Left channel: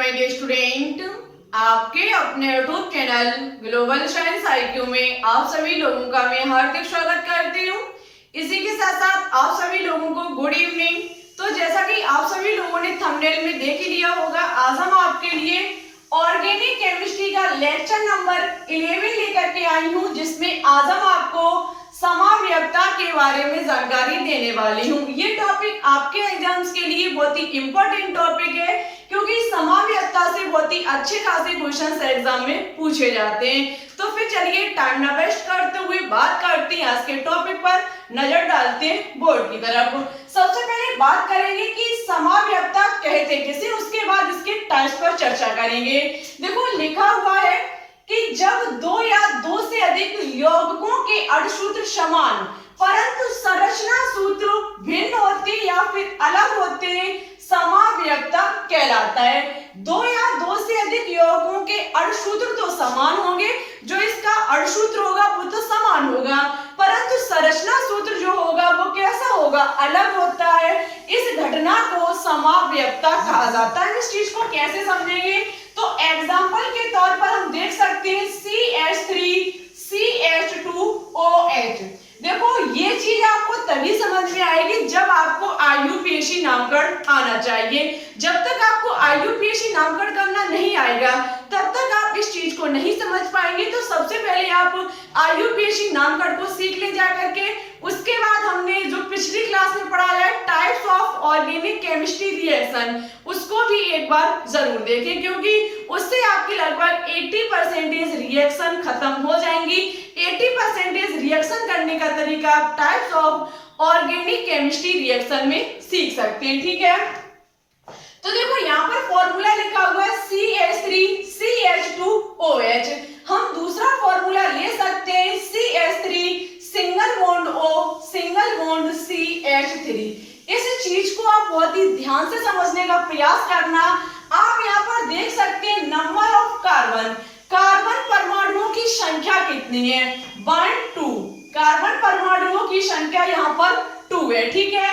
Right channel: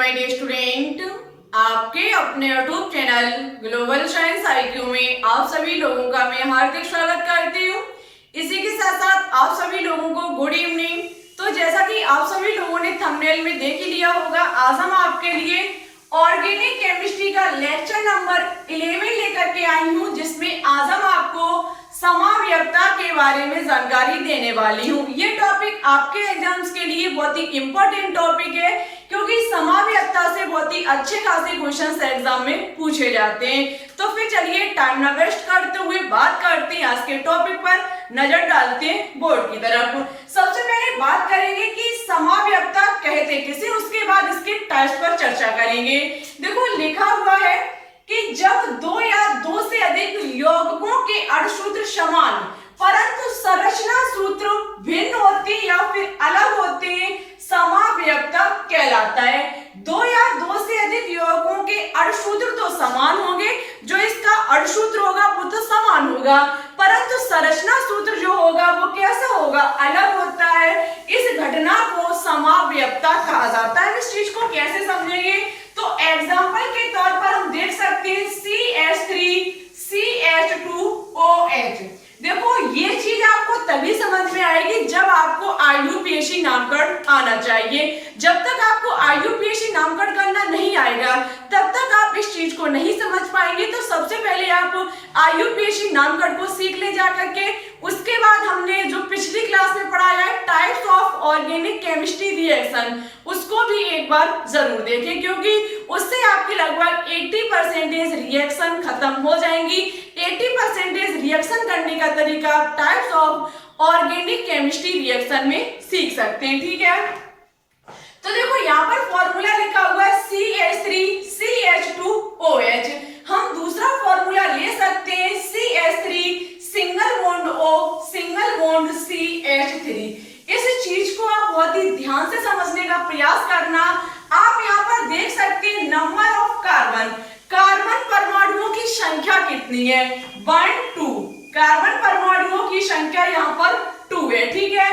My dear student, आपके अपने YouTube channel global science IQ में आप सभी लोगों का मैं हार्दिक स्वागत करती हूँ। इसी के साथ साथ आप सभी लोगों को गुड इवनिंग। तो जैसा कि आप सभी लोगों ने थंबनेल में देख ही लिया होगा, आज हम आपके लिए ऑर्गेनिक केमिस्ट्री का लेक्चर नंबर 11 लेकर के आई हूँ, जिसमें आज हम आपको समाव्यक्ता के बारे में जानकारी देने वाली हूँ। ये टॉपिक आपके एग्जाम्स के लिए बहुत ही इंपॉर्टेंट टॉपिक है, क्योंकि समाव्यक्ता से बहुत ही अच्छे खासे क्वेश्चंस एग्जाम में पूछे जाते हैं। तो फिर चलिए टाइम ना वेस्ट करते हुए बात करते हैं आज के टॉपिक पर, नजर डालते हैं बोर्ड की तरफ। सबसे पहले बात करेंगे कि समाव्यक्ता कहते किसे, उसके बाद इसके टाइप्स पर चर्चा करेंगे। देखो लिखा हुआ है कि जब दो या दो से अधिक यौगिकों के अणुसूत्र समान परंतु संरचना सूत्र भिन्न होते या फिर अलग होते हैं, समाव्यक्ता कहलाता है। दो या दो से अधिक यौगिकों के अणुसूत्र तो समान होंगे, जो इसका अणुसूत्र होगा वो तो समान होगा, परंतु संरचना सूत्र जो होगा वो कैसा होगा, अलग होता है। इस घटना को समाव्यक्ता कहा जाता है। इस चीज को कैसे समझेंगे, तो एग्जाम्पल के तौर पर हम देख सकते हैं CH3 CH2OH। देखो ये चीज आपको तभी समझ में आएगी जब आपको IUPAC नामकरण आना चाहिए। जब तक आपको IUPAC नामकरण करना नहीं आएगा तब तक आप इस चीज को नहीं समझ पाएंगे। तो सबसे पहले आप IUPAC नामकरण को सीख ले जा करके, उसके बाद हमने जो पिछली क्लास में पढ़ा है types of organic chemistry reaction, उसको भी एक बार जरूर देखें, क्योंकि उससे आपकी लगभग 80% रिएक्शन खत्म हो जाएंगी। 80% रिएक्शन करने का तरीका आप types of organic chemistry reaction में सीख सकते हैं, ठीक है। तो देखो यहाँ पर फॉर्मूला लिखा हुआ है CH3 CH2OH। हम दूसरा फॉर्मूला ले सकते हैं CH3 single bond O single bond CH3। इस चीज को आप बहुत ही ध्यान से समझने का प्रयास करना। आप यहाँ पर देख सकते हैं नंबर ऑफ कार्बन, कार्बन परमाणुओं की संख्या कितनी है, 1 2। कार्बन परमाणुओं की संख्या यहाँ पर 2 है, ठीक है।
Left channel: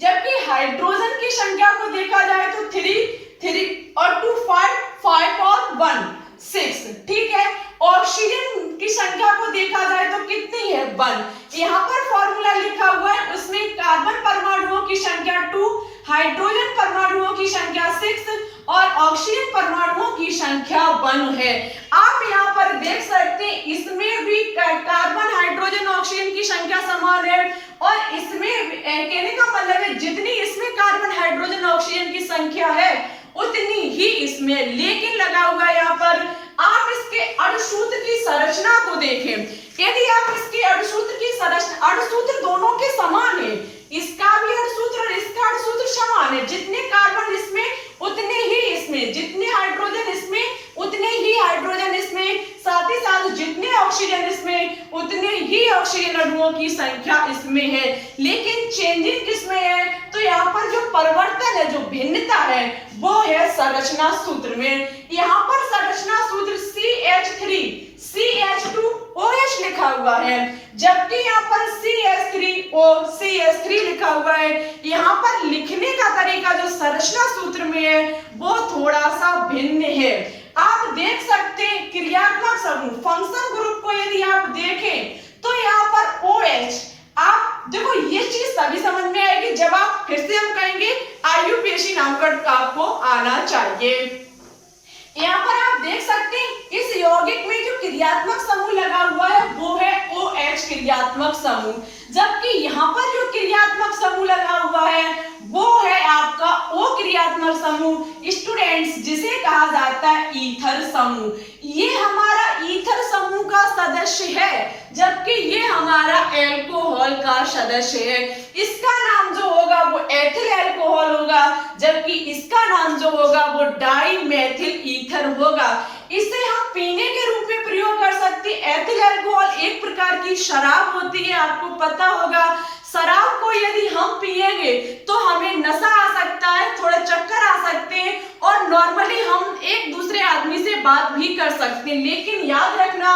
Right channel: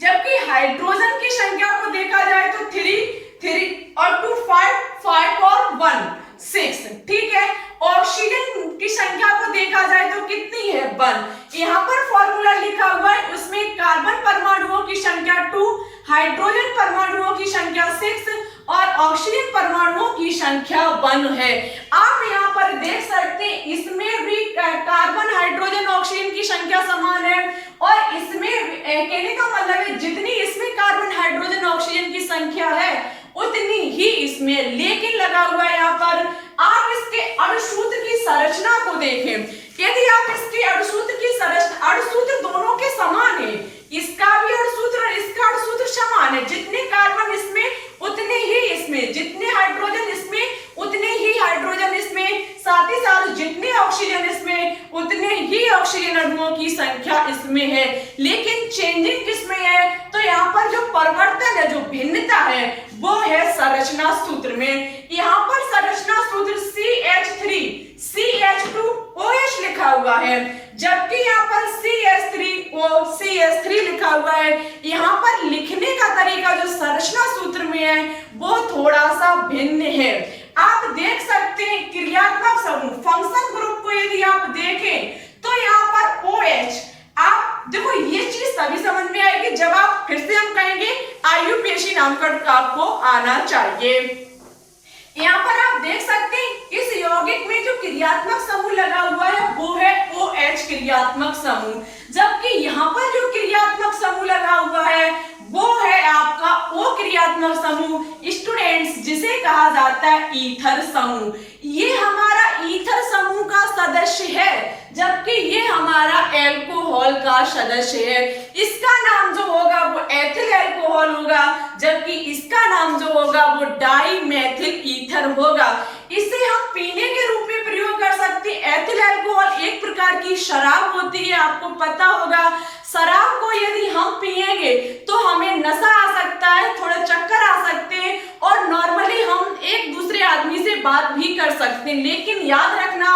जबकि हाइड्रोजन की संख्या को देखा जाए तो 3 और 2 5 और 1 6, ठीक है। ऑक्सीजन की संख्या को देखा जाए तो कितनी है, 1। यहाँ पर फॉर्मूला लिखा हुआ है, उसमें कार्बन परमाणुओं की संख्या 2, हाइड्रोजन परमाणुओं की संख्या 6 और ऑक्सीजन परमाणुओं की संख्या 1 है। आप यहाँ पर देख सकते हैं इसमें भी कार्बन हाइड्रोजन ऑक्सीजन की संख्या समान है, और इसमें कहने का मतलब है जितनी इसमें कार्बन हाइड्रोजन ऑक्सीजन की संख्या है उतनी ही इसमें, लेकिन लगा हुआ है यहाँ पर आप इसके अणुसूत्र की संरचना को देखें। यदि आप इसके अणुसूत्र की संरचना, अणुसूत्र दोनों के समान है, इसका भी अणुसूत्र और इसका अणुसूत्र समान है, जितने कार्बन इसमें उतने ही इसमें, जितने हाइड्रोजन इसमें उतने ही हाइड्रोजन इसमें, साथ ही साथ जितने ऑक्सीजन इसमें उतने ही ऑक्सीजन अणुओं की संख्या इसमें है। लेकिन चेंजिंग किसमें है, तो यहाँ पर जो परिवर्तन है, जो भिन्नता है वो है संरचना सूत्र में। यहाँ पर संरचना सूत्र CH3 CH2OH लिखा हुआ है, जबकि यहाँ पर CH3 लिखा हुआ है। यहाँ पर लिखने का तरीका जो संरचना सूत्र में है वो थोड़ा सा भिन्न है। आप देख सकते हैं क्रियात्मक समूह, फंक्शन ग्रुप को यदि आप देखें तो यहाँ पर OH, आप देखो ये चीज तभी समझ में आएगी जब आप, फिर से हम कहेंगे IUPAC नामकरण आपको आना चाहिए। यहाँ पर आप देख सकते हैं इस यौगिक में जो क्रियात्मक समूह लगा हुआ है वो है OH क्रियात्मक समूह, जबकि यहाँ पर जो क्रियात्मक समूह लगा हुआ है वो है आपका O क्रियात्मक समूह, स्टूडेंट्स, जिसे कहा जाता है ईथर समूह। ये हमारा ईथर समूह का सदस्य है, जबकि ये हमारा एल्कोहल का सदस्य है। इसका नाम जो होगा वो एथिल एल्कोहल होगा, जबकि इसका नाम जो होगा वो डाइमेथिल ईथर होगा। इसे हम पीने के रूप में प्रयोग कर सकते हैं। एथिल अल्कोहल एक प्रकार की शराब होती है, आपको पता होगा। शराब को यदि हम पिएंगे तो हमें नशा आ सकता है, थोड़ा चक्कर आ सकते हैं, और नॉर्मली हम एक दूसरे आदमी से बात भी कर सकते हैं। लेकिन याद रखना,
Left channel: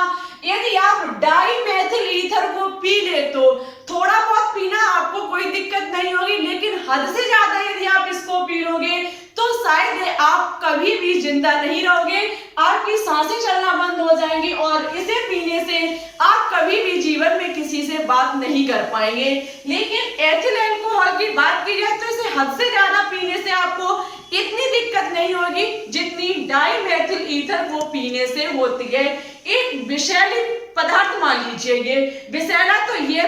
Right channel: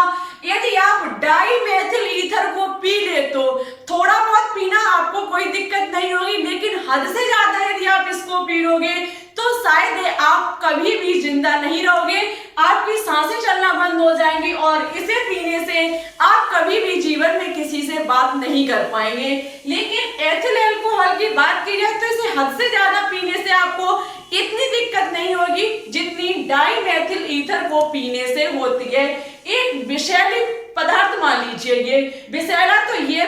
यदि आप डाइमेथिल ईथर को पी ले तो थोड़ा बहुत पीना आपको कोई दिक्कत नहीं होगी, लेकिन हद से ज्यादा यदि आप इसको पीओगे तो शायद आपका कभी भी जिंदा नहीं रहोगे, आपकी सांसें चलना बंद हो जाएंगी और इसे पीने से आप कभी भी जीवन में किसी से बात नहीं कर पाएंगे। लेकिन एथिल अल्कोहल की बात की जाए तो इसे हद से ज्यादा पीने से आपको इतनी दिक्कत नहीं होगी जितनी डाइमेथिल ईथर को पीने से होती है। एक विषैली पदार्थ मान लीजिए, ये विषैला तो ये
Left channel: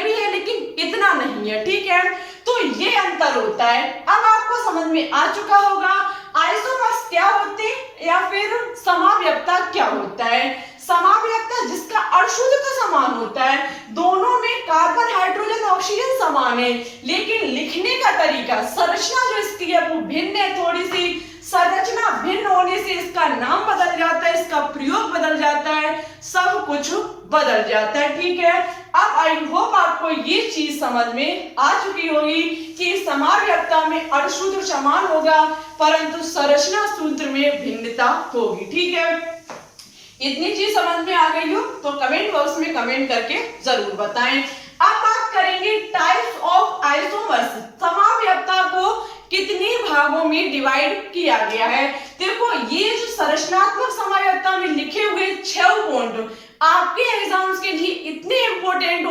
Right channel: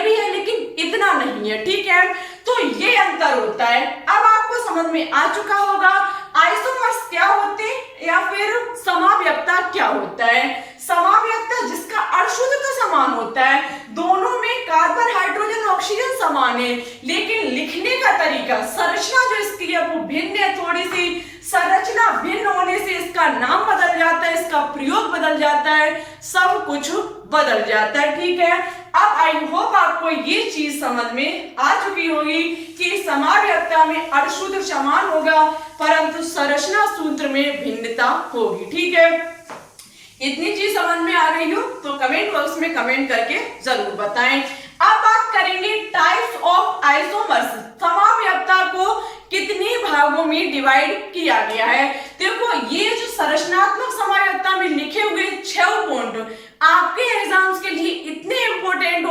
भी है लेकिन इतना नहीं है, ठीक है। तो ये अंतर होता है। अब आपको समझ में आ चुका होगा आइसोमर्स क्या होते हैं या फिर समाव्यक्ता क्या होता है। समाव्यक्ता जिसका अशुद्धता समान होता है, दोनों में कार्बन हाइड्रोजन ऑक्सीजन समान है, लेकिन लिखने का तरीका, संरचना जो इसकी है वो भिन्न है। थोड़ी सी संरचना भिन्न होने से इसका नाम बदल जाता है, इसका प्रयोग बदल जाता है, सब कुछ बदल जाता है, ठीक है। अब आई होप आपको ये चीज समझ में आ चुकी होगी कि समाव्यक्ता में अशुद्ध समान होगा परंतु संरचना सूत्र में भिन्नता होगी, ठीक है। इतनी चीज समझ में आ गई हो तो कमेंट बॉक्स में कमेंट करके जरूर बताएं। अब बात करेंगे टाइप्स ऑफ आइसोमर्स। समाव्यक्ता को कितने भागों में डिवाइड किया गया है। देखो ये जो संरचनात्मक समाव्यक्ता में लिखे हुए 6 पॉइंट आपके एग्जाम्स के लिए इतने इंपॉर्टेंट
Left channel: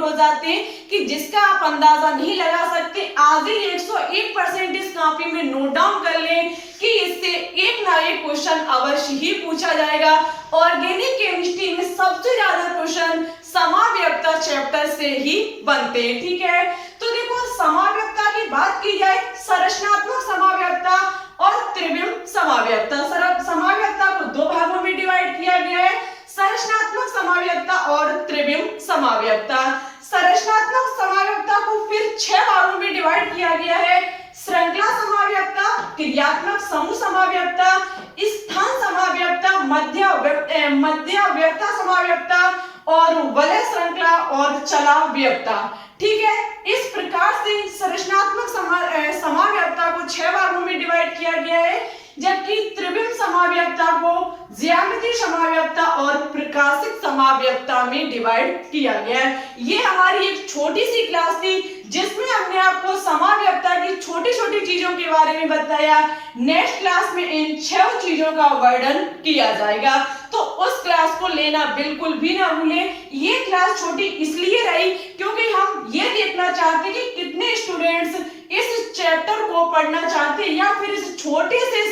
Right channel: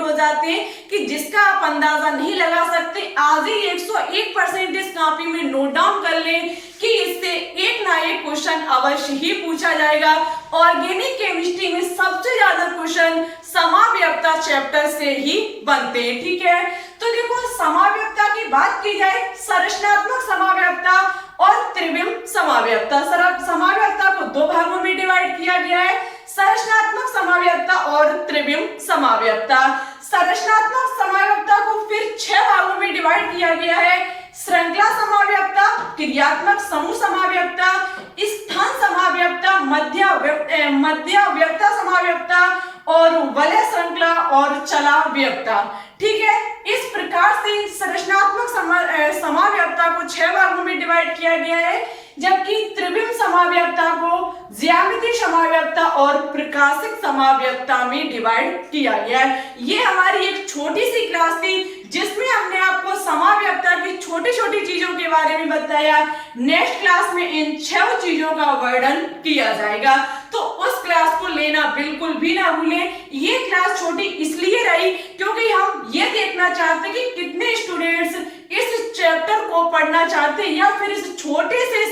हो जाते हैं कि जिसका आप अंदाजा नहीं लगा सकते। आज ही 101% इस कॉपी में नोट डाउन कर लें कि इससे एक ना एक क्वेश्चन अवश्य ही पूछा जाएगा। ऑर्गेनिक केमिस्ट्री में सबसे ज्यादा क्वेश्चन समाव्यक्ता चैप्टर से ही बनते हैं, ठीक है। तो देखो समाव्यक्ता की बात की जाए, संरचनात्मक समाव्यक्ता और त्रिविम समाव्यक्ता। समाव्यक्ता को 2 भागों में डिवाइड किया गया है, संरचनात्मक समाव्यक्ता और त्रिविम समाव्यक्ता। संरचनात्मक समाव्यक्ता को फिर 6 भागों में डिवाइड किया गया है, श्रृंखला समाव्यक्ता, क्रियात्मक समूह समाव्यक्ता, स्थान समाव्यक्ता, मध्यव्यक्ता समाव्यक्ता और वलय श्रृंखला और चलाव्यक्ता, ठीक है। इस प्रकार से संरचनात्मक समाव्यक्ता को 6 भागों में डिवाइड किया गया है, जबकि त्रिविम समाव्यक्ता को ज्यामितीय समाव्यक्ता और प्रकाशिक समाव्यक्ता में डिवाइड किया गया है। ये हमारी एक छोटी सी क्लास थी जिसमें हमने आपको समाव्यक्ता की छोटी छोटी चीजों के बारे में बताया। नेक्स्ट क्लास में इन 6 चीजों का वर्णन किया जाएगा, तो उस क्लास को लेना बिल्कुल भी ना भूलें। ये क्लास छोटी इसलिए रही क्योंकि हम ये देखना चाहते कि कितने स्टूडेंट्स इस चैप्टर को पढ़ना चाहते हैं या फिर इस छोटे से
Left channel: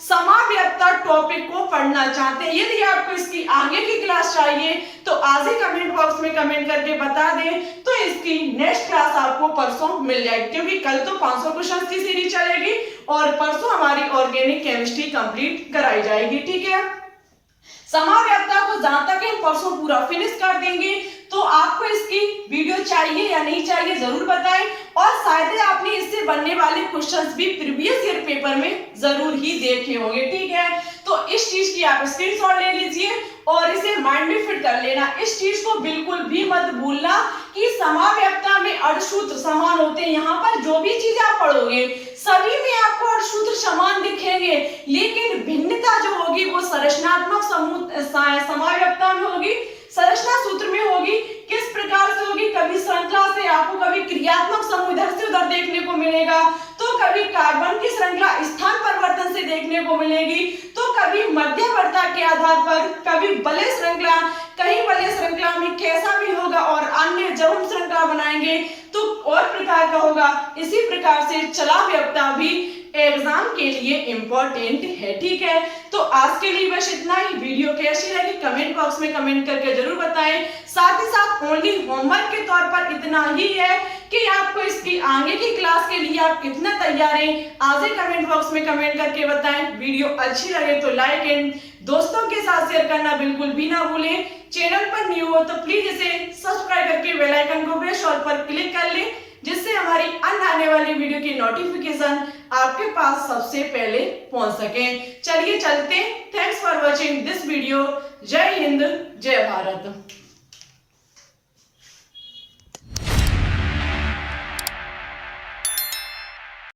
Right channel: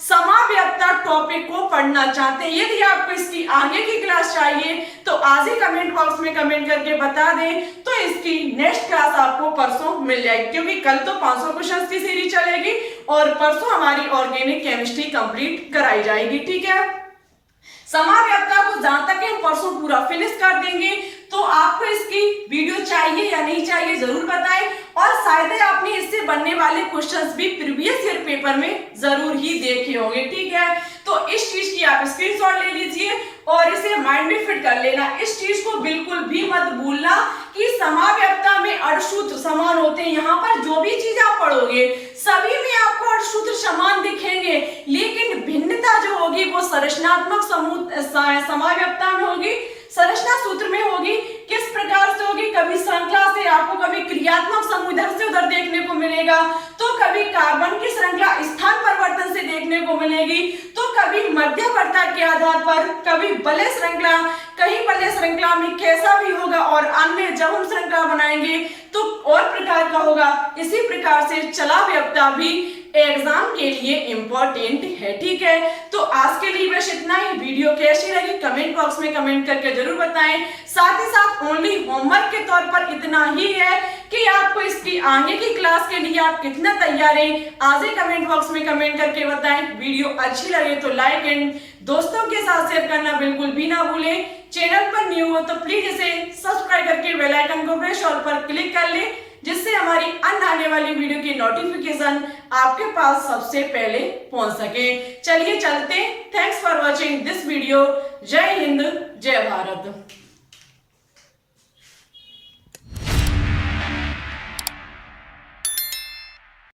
समाव्यक्ता टॉपिक को पढ़ना चाहते हैं। यदि आपको इसकी आगे की क्लास चाहिए तो आज ही कमेंट बॉक्स में कमेंट करके बता दें, तो इसकी नेक्स्ट क्लास आपको परसों मिल जाएगी, क्योंकि कल तो 500 क्वेश्चन की सीरीज चलेगी और परसों हमारी ऑर्गेनिक केमिस्ट्री कंप्लीट कराई जाएगी, ठीक है। समाव्यक्ता को जहां तक हम परसों पूरा फिनिश कर देंगे, तो आपको इसकी वीडियो चाहिए या नहीं चाहिए जरूर बताएं, और शायद आपने इससे बनने वाले क्वेश्चंस भी प्रीवियस ईयर पेपर में जरूर ही देखे होंगे, ठीक है। तो इस चीज की आप स्क्रीनशॉट ले लीजिए और इसे माइंड में फिट कर लेना। इस चीज को बिल्कुल भी मत भूलना कि समाव्यक्ता में अणुसूत्र समान होते हैं। यहाँ पर जो भी चीज आप पढ़ोगे सभी में आपको अणुसूत्र समान दिखेंगे, लेकिन भिन्नता जो होगी वो संरचनात्मक समाव्यक्ता में होगी, संरचना सूत्र में होगी। किस प्रकार से होगी, कभी श्रृंखला से आपको कभी क्रियात्मक समूह इधर से उधर देखने को मिलेगा, तो कभी कार्बन की श्रृंखला स्थान परिवर्तन से देखने को मिलेगी, तो कभी मध्यवर्ता के आधार पर, कभी वलय श्रृंखला, कहीं वलय श्रृंखला में कैसा भी होगा, और अन्य जब हम श्रृंखला बनाएंगे तो और प्रकार का होगा। इसी प्रकार से चलाव्यक्ता भी एग्जाम के लिए इंपॉर्टेंट है, ठीक है। तो आज के लिए बस इतना ही। वीडियो कैसी लगी कमेंट बॉक्स में कमेंट करके जरूर बताएं। साथ ही साथ ओनली होमवर्क के तौर पर इतना ही है कि आपको इसकी आगे की क्लास के लिए आप कितना तैयार हैं, आज ही कमेंट बॉक्स में कमेंट करके बताएं। वीडियो अच्छी लगे तो लाइक एंड दोस्तों के साथ शेयर करना बिल्कुल भी ना भूलें। चैनल पर न्यू हो तो प्लीज इसे सब्सक्राइब करके बेल आइकन को प्रेस ऑल पर क्लिक कर लें, जिससे हमारी अन्य आने वाली वीडियो की नोटिफिकेशन आपके पास सबसे पहले पहुंच सके। चलिए चलते। Thanks for watching this video. जय हिंद, जय भारत।